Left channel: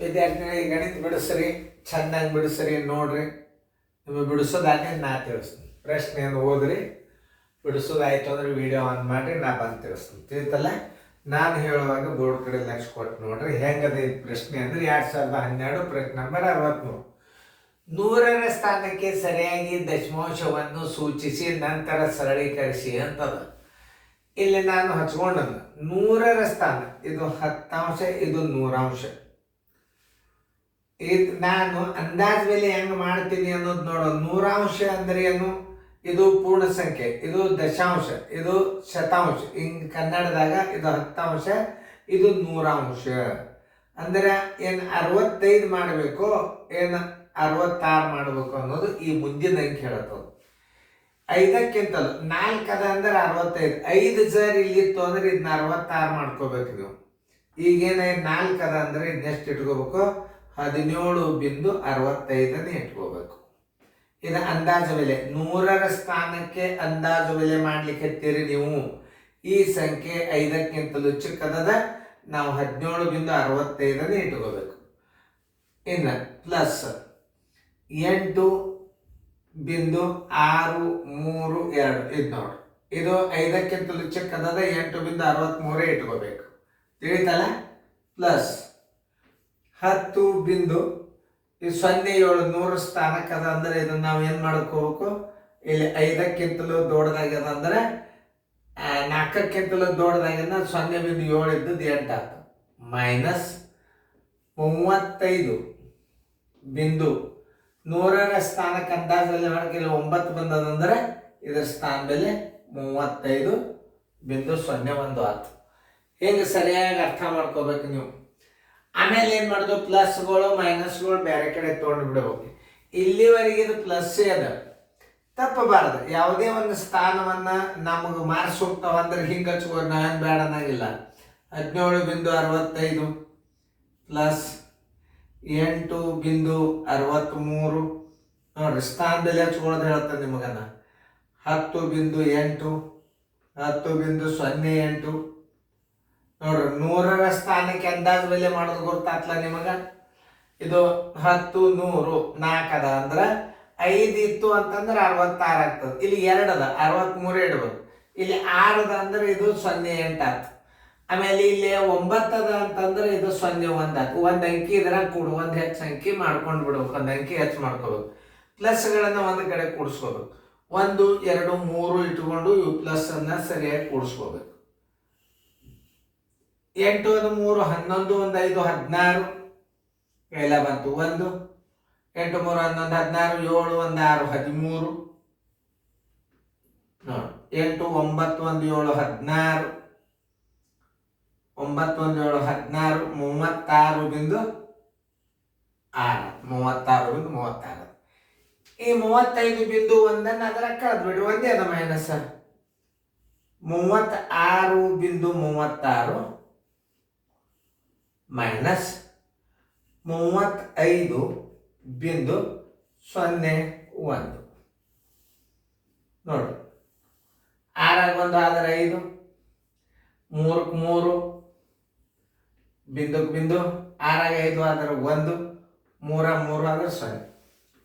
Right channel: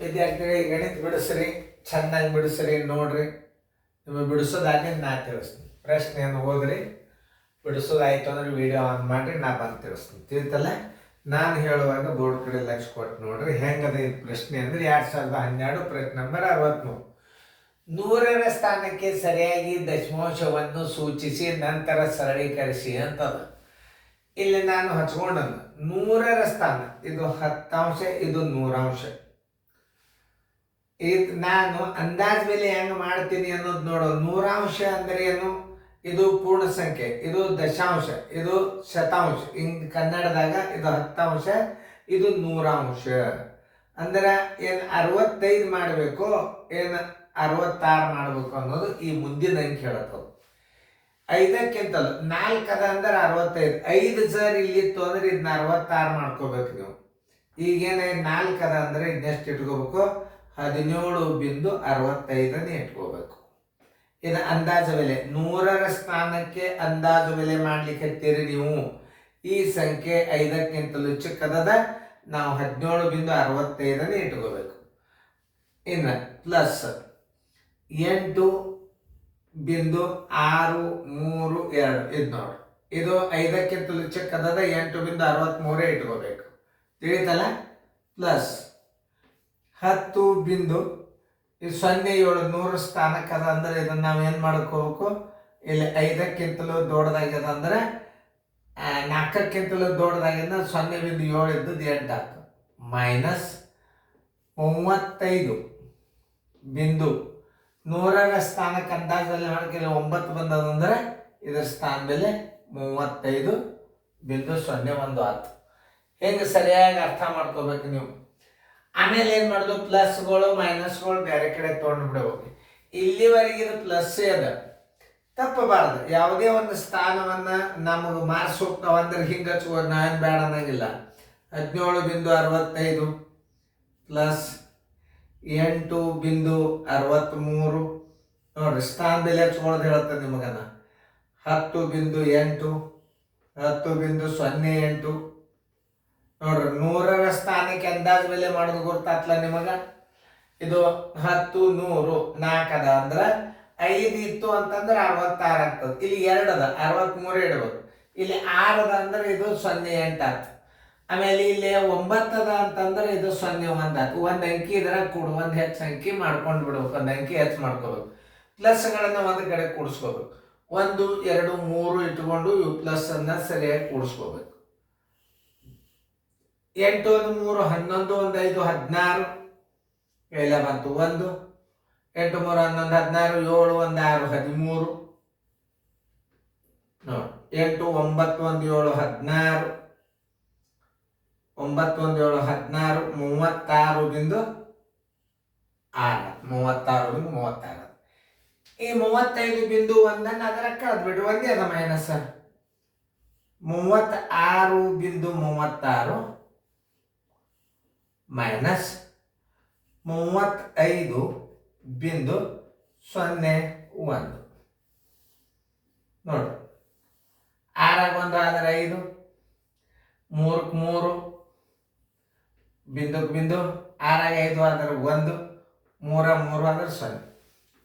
ವಿದ್ಯಾರ್ಥಿಗಳಿಗೆ ಗಣಿತ ಬಿಡಿಸ್ರಿ, ಚೆನ್ನಾಗಿ ಬಿಡಿಸ್ರಿ. ನೋಡ್ರಿ, ನಿಮಗೆ ಬಿಡಿಸೋದಾದ್ರೆ ನಾ ತಿಳಿಸ್ತೀನಿ. ಪ್ರಶ್ನೆಯನ್ನು ಓದ್ರಿ, ಬಿಡಿಸೋದಾಯ್ತು ಅಂದ್ರೆ ವಿಡಿಯೋ ಆನ್ ಮಾಡಿ ನಾ ಬಂದು ತಿಳಿಸ್ತೀನಿ. ತಿಳಿತಲ್ಲ? ನಾನು ಹೇಳುವಾಗ ಬೋರ್ಡ್ ಕಡೆ ಲಕ್ಷ ಕೊಟ್ಟು ನೋಡ್ರಿ. ಹೆಂಗದೆ ಈ ಪ್ರಶ್ನೆ ಅಂದ್ರೆ 2012 ಪ್ರಶ್ನೆ ನಂಬರ್ 63. 100ರ ಸ್ಥಾನಕ್ಕೆ ಸರಿಯಾಗಿ ದಶಮಾಂಶವನ್ನು ಸೂಚಿಸಿ ನಂತರ ಸರಳೀಕರಿಸಿ ಅಂತದ. ಇಲ್ಲಿ ನಾನು ಹಚ್ಕೊಂಡದ್ದು 100ರ ಸ್ಥಾನ, ಇದು 10 ಇದು 100. ಇದು ನಾನು ಅಂದಾಜ್ ಮೇಲೆ ಹೆಂಗೆ ಮಾಡ್ತೀನಿ ಅನ್ನೋದು ನೋಡೋ. 100 ಅಂದ್ರೆ ಏನು? ಇದು ಪೂರ್ಣ ಸಂಖ್ಯೆ, ಇದು ದಶಾಂಶ, ಇದು ಶತಾಂಶ. ಹಿಂಗೆ ಕನ್ನಡದಾಗ ಇದು 10, ಇದು 100. ಅಂದ್ರೆ ಏನು 65 ಮಾಡಬೇಕು, ಏನು 66 ಮಾಡಬೇಕು ಅನ್ನೋದು ಈ ಮುಂದಿನ ಅಂಕೆ ಹೇಳತ್ತದು. 5ಕ್ಕಿಂತಲೂ 4 ಅದ ಅಂದ್ರೆ 65. 5 ಸರ್ ಇಲ್ಲಿತ್ತು ಅಂದ್ರೆ ಇದನ್ನ 66 ಮಾಡ್ಕೋಬೇಕು ನೀವು. ಈಗೇನ 4 ಅದ ಅಂದ್ರೆ ಇದನ್ನೆಷ್ಟು ಇಟ್ಕೋಬೇಕು? 17.65 ಇಟ್ಕೋಬೇಕು. ಇದು ಅಂದಾಜು ಬೆಲೆ. 100ರ ಸ್ಥಾನಕ್ಕೆ ಅಂದಾಜು ಬೆಲೆ ಮಾಡ್ಲಿಕ್ಕೆ ಹತ್ತೀರಿ ನೀವು. ಈ ಸಂಖ್ಯೆ 5ಕ್ಕಿಂತಲೂ ಚಿಕ್ಕದ, ನಾವು 17.65 ಇಟ್ಕೋಬೇಕು. ಇನ್ನು ಪ್ಲಸ್ 8.632 ಇದು ನೋಡ್ರಿ. ಇದು 5ಕ್ಕಿಂತಲೂ ಚಿಕ್ಕದ, 8.63 ಇಟ್ಕೋಬೇಕು. ತಿಳಿತಲ್ಲ? ಪ್ಲಸ್ 10. ಈ 07 100 ಸ್ಥಾನಕ್ಕೆ ಅದ ಅಂದ್ರೆ ಇದನ್ನ ನಾವು ಏನು ಮಾಡ್ಕೋಬೇಕು? ಇಲ್ಲಿ 5ಕ್ಕಿಂತಲೂ ದೊಡ್ಡದಾಗ್ಯದ ಅಂದ್ರೆ 4ಕ್ಕಿಂತಲೂ ದೊಡ್ಡದಾಗ್ಯದ 0.7 ಇದ್ದದ್ದು 8 ಆಗ್ತದೆ. ಮೈನಸ್ 35. 100ರ ಸ್ಥಾನಕ್ಕೆ ಅಂದಾಜಲ್ಲಿ ಮಾಡಕ್ಕೆ 9 ಬಂದದಂದ್ರೆ ಇದರ ಸ್ಥಾನ ಬೆಲೆ 35.01 ಆಯ್ತು. ಹೆಂಗೆ ಸರಿಯಾಗಿ ಅರ್ಥ ಮಾಡ್ಕೋಬೇಕು ನೀವು. ಆಮೇಲೆ ಏನು ಮಾಡೋದು? ಪ್ಲಸ್ಗಳು ಮೈನಸ್ಗಳು ಬೇರೆ ಕಡೆ ತೊಗೊಂಡು ಬಿಡಬೇಕು. ಇಲ್ಲಿವರೆಗೆ ಇದು ಪ್ಲಸ್ ಅದ, ತಪ್ಪಬಾರದು. ಯಾವುದೇ ಒಂದು ಸ್ಥಾನವನ್ನು ನಮಗೆ ಮಾರ್ಕ್ಸ್ ಹೋಗ್ತಾವ ಅಂದ್ರೆ ಹಿಂಗೆ ಹಚ್ಕೋದು, ನಾವೇನು ಬೇಡ ಅನ್ನಂಗಿಲ್ಲ. 17.65 ಪ್ಲಸ್ 8.63 ನೋಡ್ರಿ, ಸ್ಥಾನ ಬೆಲೆ ಹಚ್ಕೊಳ್ಳೋದು ಹೇಳ್ತಾರೆ ನಿಮಗನ. 10.8 10.08 ನೋಡ್ರಿ. 100ರ ಸ್ಥಾನಕ್ಕೆ ಅಂದಾಜು ಬೆಲೆ ಮಾಡೋದು ಗೊತ್ತಾಗ್ತಲ್ಲ ನಿಮಗ? ಇದು 10 100 4 ಅದ ಅಂದ್ರೆ 5 ಇತ್ತು ಅಂತಂದ್ರೆ 66 ಆಗ್ತದೆ. ಇಲ್ಲಿ 2 ಅದ 63 ಇಡ್ಬೇಕು. ಇಲ್ಲಿ 6 ಅದ ಅಂದ್ರೆ ಇದು 08 ಆಯ್ತು. ಆಮೇಲೆ ಇಲ್ಲಿ 9 ಅದ ಅಂತಂದ್ರೆ ಇದು 01 ಆಯ್ತು. ಒಂದು ಅಂಕಿ ಇದ್ರಾಗ ಕೂಡು, ಒಂದು ಹೆಚ್ಚು ಅಂಕಿ ಮಾಡ್ಕೊಂಡು ಬಿಡ್ಬೇಕು, ಒಂದು ಅಂಕಿ ಹೆಚ್ಚು ಮಾಡ್ಕೋಬೇಕು. ಪ್ಲಸ್ಗಳನ್ನು ಒಂದು ಕಡೆ ಕೂಡಿಸ್ಕೋಬೇಕು. 1 2 3 ಇಟ್ಕೊಂಡು ಇವು ಪ್ಲಸ್ ಅನ್ನ ಸರಿಯಾಗಿ ಕೂಡಿಸ್ಕೋಬೇಕು. 8 1 3 11 1 5 16 ಎಲ್ಲ ಬಂತು. 1 8 3 11 16 7 1 6 13 ನೋಡಿ. 8 9 1 7 16 9 1 7 16 36.36. ಈ 35.1 ಅದರ ಕಳೆದು ಬಿಡು, ಒಂದೇ ಅದ ಮೈನಸ್. 36.36 ಮೈನಸ್ 35.01 ನೋಡ್ರಿ. 6 1 ಆದ್ರೆ 5, 3 3 ಬಿಂದು 6 5 ಆದ್ರೆ 1, 3 3 ಆದ್ರೆ 0.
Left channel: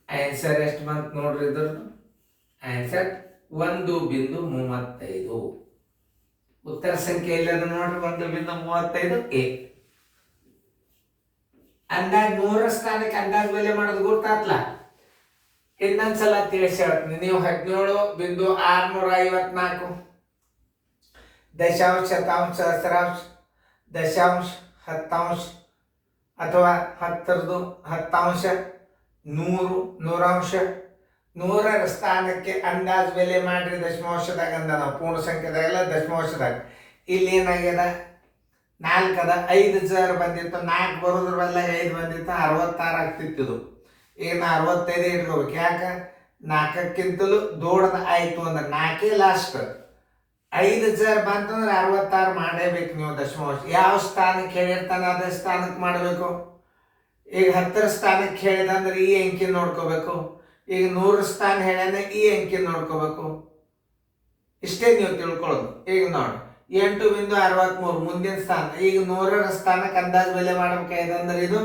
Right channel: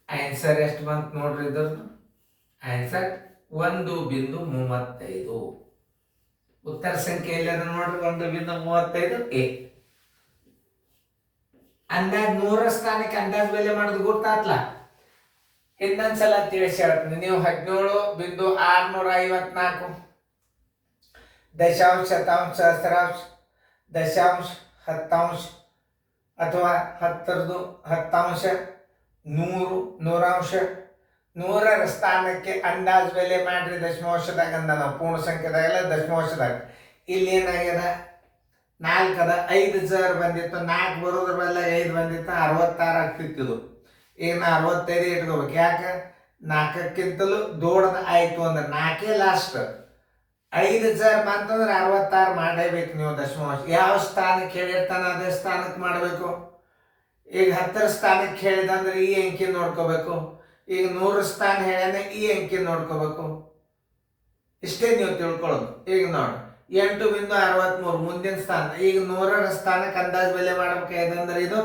ಆನ್ಸರ್ ಎಷ್ಟು ಬಂತು ನೋಡ್ರಿ? ಇದ್ರದ್ದು ಆನ್ಸರ್ 1.35. ಉತ್ತರ ಸಂಖ್ಯೆಯಲ್ಲಿ ಅದ ನೋಡ್ರಿ, 1.35 ಎ. ಅಂದಾಜ್ 100ರ ಸ್ಥಾನಕ್ಕೆ ಅಂದಾಜ್ ಬೆಲೆ ಮಾಡೋದು ಗೊತ್ತಾತ್ಲ? ಇನ್ನೊಂದ್ಸಲ ತಿಳಿಸಿ ಹೇಳ್ತೀನಿ. ನೀವು 17.654 ದಶಾಂಶ ಶತಾಂಶ ಸಹಸ್ರಾಂಶ ದಶಾಂಶ ಹತ್ತಾಂಶ ಅಥವಾ 10 ಹತ್ತಾಂಶ 100 ನೂರಾಂಶ 100ರ ಸ್ಥಾನಕ್ಕೆ ಅಂದಾಜು ಬೆಲೆ ಮಾಡ್ರಿ ದಶಮಾಂಶದಾಗ ಅಂದ. ನಾವು ಪೂರ್ಣ ಸಂಖ್ಯೆದಾಗಲ್ಲ, ದಶಮಾಂಶದಾಗ. ಇಲ್ಲಿ ಏನಾಗ್ಯದ? 4 ಅದ, 5 ಸರ್ ಬಂದಿತ್ತು, 4 ಬರೋದ್ರ ಬಲ್ಲ 5 ಬಂದಿತ್ತು, 66 ಆಗ್ತಿತ್ತು. ಈಗ 65 ಇಟ್ಕೋಬೇಕು. ಯಾಕೆ? 4ಕ್ಕಿಂತಲೂ ದೊಡ್ಡದು ಆಯ್ತು ಅಂದ್ರೆ 4 ಲಾಸ್ಟ್. 5 ಸರ್ ಬಂತಂದ್ರೆ 66 ಮಾಡೇಬೇಕು ನೀವು ದಶಮಾಂಶ. ಯಾವ ಸ್ಥಾನಕ್ಕೆ ಹೇಳಿರ್ತಾನೆ ಅದೇ ಸ್ಥಾನಕ್ಕೆ ಮಾಡಬೇಕು. ಈಗ 10ರ ಸ್ಥಾನಕ್ಕೆ ಹೇಳಿದಂದ್ರೆ ಈ ಅಂಕಿ ನೋಡ್ಕೋಬೇಕು. ಈಗ 100 ಸ್ಥಾನ ಹೇಳ್ಯಾನೆ, ಈ ಅಂಕಿ ನೋಡ್ಕೋಬೇಕು. ಇಷ್ಟೇ ನೀವು ತಿಳ್ಕೊಳ್ಳೋದು. ಈಗ ನೋಡಿ 8.63 ಮುಂದಿನ ಸ್ಥಾನ. ಈಗ 100ರ ಸ್ಥಾನಕ್ಕೆ ಅಂದಾಜು ಬೆಲೆ ಮಾಡ್ಬೇಕಾಯ್ತು ಅಂದ್ರೆ ಇದು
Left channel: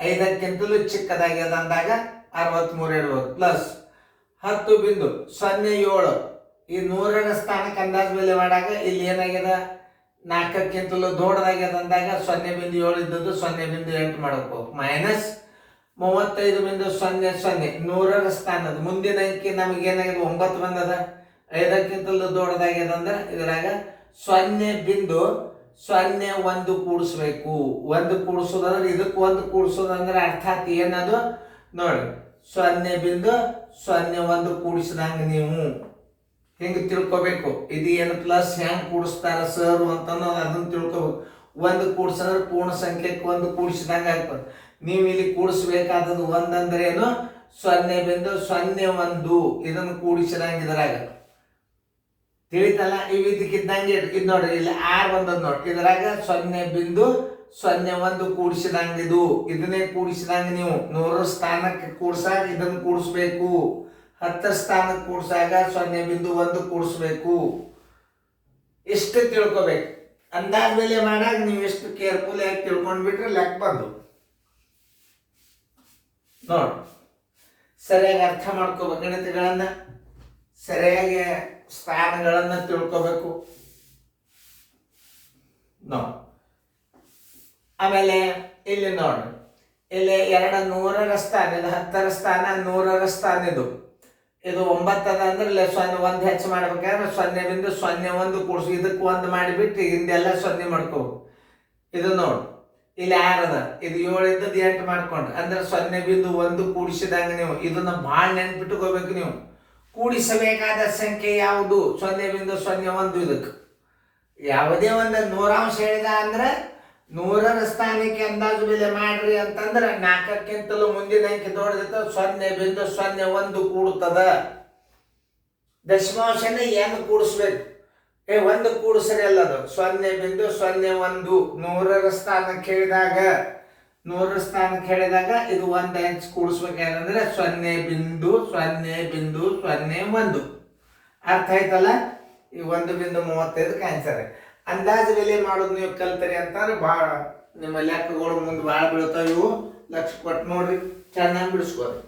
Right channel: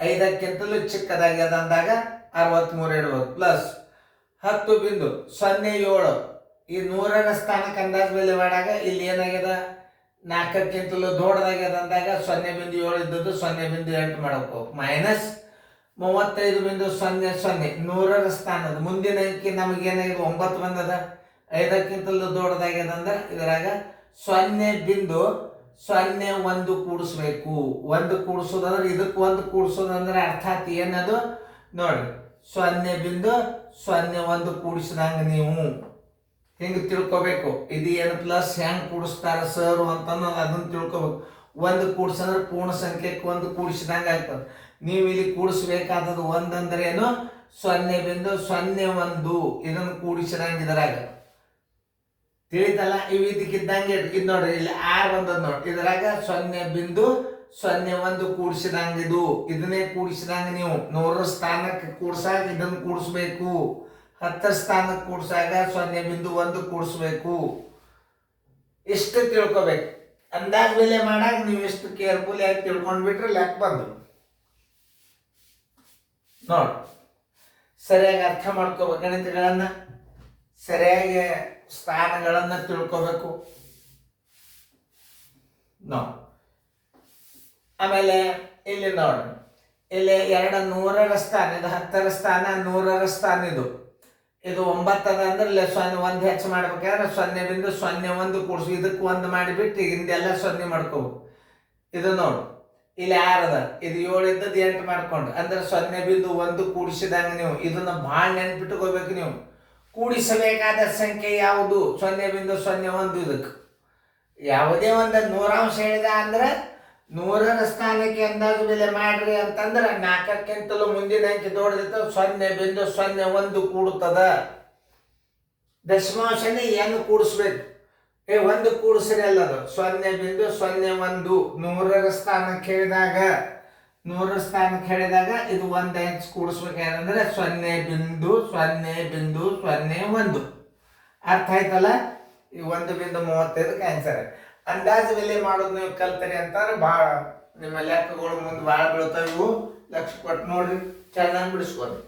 5ಕ್ಕಿಂತಲೂ ಚಿಕ್ಕದಾಗ್ಯದ ಅಂದಾಗ 63 ಇಡ್ಬೋದು. ಪ್ಲಸ್ 10.07 ಈ 100ರ ಸ್ಥಾನಕ್ಕೆ ಅಂದಾಜು ಬೆಲೆ ಮಾಡಾಗ ಇಲ್ಲಿ ಏನಾಗ್ಯದ 4ಕ್ಕಿಂತಲೂ ದೊಡ್ಡದಾಗ್ಯದ ಅಂದಾಗ 0.7 ಇದ್ದದ್ದು 0.8 ಮಾಡಬೇಕು. ಮೈನಸ್ 35.00 100ರ ಸ್ಥಾನದ ಮುಂದಿನ ಅಂಕಿ ನಮಗೇನಾಗಿದೆ 9 ಬಂದದ. 5ಕ್ಕಿಂತಲೂ ದೊಡ್ಡದಾಗ್ಯದ ಅಂದ್ರೆ ಇದರಾಗ 0.01 ಕೂಡಿಸ್ಬೇಕು. 1 ಕೂಡಿಸೋದಂದ್ರೆ ಇದಕ್ಕೆ 1 ಕೂಡಿಸೋದಂದ್ರೆ ಅರ್ಥಾತ್ ಏನದು ನೋಡಿ 0.01 ಕೂಡಿಸಿದಂಗ ನೀವು ಹಿಂಗೆ ತಿಳ್ಕೊಬೇಕು. ಇದು ಏನು ಪ್ಲಸ್ ಹೆಂಗೆ ಕೂಡಿಸ್ತಾರ ಸರ್ ಅಂತ ಅದನ್ನ ತಿಳ್ಕೊಬೇಕು. 1 ಕೂಡಿಸಂದ್ರೆ ಪೂರ್ಣ ಸಂಖ್ಯೆಗೆ 1 ಕೂಡಿಸಿದಂಗೆ ಆಗ್ತದೆ. ನೀವು ಇಲ್ಲಿ ಕೂಡಿಸ್ಬೇಕಾದದ್ದು 1 ಅಂದ್ರೆ ಏನು 0.01 ಇದನ್ನು ಕೂಡಿಸಿದಂಗೆ ಇದರಾಗ ತಿಳಿತಲ್ಲ. ಇವು ಇದಕ್ಕಿದ್ದಂಗೆ ಇದು ನೋಡ್ರಿ ಇಲ್ಲಿ 6 ಬಂದದ್ದು ನೋಡಿ ಇದರಾಗ 0.01 ಕೂಡಿಸಿದಂಗೆ ಇದನ್ನೇ ಕೂಡಿಸಿದಂಗೆ ನೀವು 100 ಸ್ಥಾನಕ್ಕೆ ಕೂಡ್ಸಾಗ ಇದನ್ನು ಕೂಡಿಸ್ಬೇಕು. 10 ಸ್ಥಾನಕ್ಕೆ ಕೂಡ್ಸಾಗ 0.1 ಕೂಡಿಸ್ಬೇಕು. ಇಷ್ಟು ತಿಳ್ಕೊಬೇಕು. ಅಂದಾಜ್ ಮೇಲೆ ಮಾಡಾಗ ನೀವು ಎಷ್ಟು ಕೇರ್ಫುಲ್ ಆಗಿ ತಿಳ್ಕೊಂಡ್ಬಿಟ್ರೆ ಲೆಕ್ಕ ಬಂದು ನೋಡಿ ಸರಿಯಾಗಿ ಅರ್ಥ ಮಾಡ್ಕೋಬೇಕು. ಗಣಿತಗಳನ್ನ ಸರಿಯಾಗಿ ಸ್ಥಾನಗಳನ್ನ ತಿಳ್ಕೋಬೇಕು ನೋಡಿ. ಆಮೇಲೆ ಇಲ್ಲಿ ನೋಡ್ರಿ ಇಲ್ಲಿ 100ರ ಸ್ಥಾನ ಇದು 10ರ ಸ್ಥಾನ 100ರ ಸ್ಥಾನ ಇದು 9 ಅದ ಅಂದ್ರೆ ಇಲ್ಲಿ 1 ಹೆಚ್ಚು ಮಾಡ್ಬೇಕಾದ್ರೆ 0.01 ಕೂಡಿಸಿ ಇದಕ್ಕೆ 1 ಮಾಡಿಬಿಟ್ಟು ಹಿಂದೆಲ್ಲ 0 ಮಾಡ್ಕೋಬೇಕು. ಇದು ನೋಡಿ ಇಲ್ಲಿ 6 ಅದ ಇದು 7 ಇದ್ದದ್ದು 8 ಮಾಡ್ಕೊಂಡು ಅಂದ್ರೆ 0.1 ಕೂಡಿಸಿದಂಗೆ ನೀವು ಇದನ್ನ ಭಾಳ ನೆನ್ಪಿಟ್ಕೋಬೇಕು. ನೀವು ಕೂಡಿಸಬೇಕಾದ ಸಂಖ್ಯೆ ಯಾವುದು 0.01. ಇದಕ್ಕೆ ಯಾವುದೇ ಒಂದು 100 ಹೇಳಿದ ಅಂದ್ರೆ 100ರ ಸ್ಥಾನಕ್ಕೆ ಅಂದಾಜು ಬೆಲೆ ಮಾಡ್ರಿ ಅಂತಂದ್ರೆ 4ಕ್ಕಿಂತಲೂ ಮುಂದಿನ ಅಂಕಿ ದೊಡ್ಡದಿತ್ತು 0.01 ಕೂಡುತ್ತದ. ದಶಮಾಂಶನ ಏನು ಕೂಡಿಸ್ಬೇಕು 1 ಕೂಡಿಸ್ರಿ ಅಲ್ಲದು 0.01 100ರ ಸ್ಥಾನಕ್ಕೆ ಹೇಳಿದಾಗ ಇದು 1 ಇಂಚ್ ಕೂಡಿಸ್ಬೇಕಂದ್ರೆ 0.01 ಅರ್ಥ ಆಯ್ತಲ್ಲ. ಈ 1.35 ಆನ್ಸರ್. ಅಂದಾಜು ಬೆಲೆ ಮಾಡೋದು ನೀವು ಕಲ್ತರಿ ಅಂತಂದ್ರೆ ಭಾಳ ನಿಮ್ಮ ಲೆಕ್ಕಗಳು ಮುಂದೆ ಭಾಳ ಬೀಳ್ತಾವೆ. ಇವು ಲಕ್ಷ ಕೊಟ್ಟು ನೋಡ್ರಿ, ಚೆನ್ನಾಗಿ ಬಿಡಿಸ್ಕೊರಿ.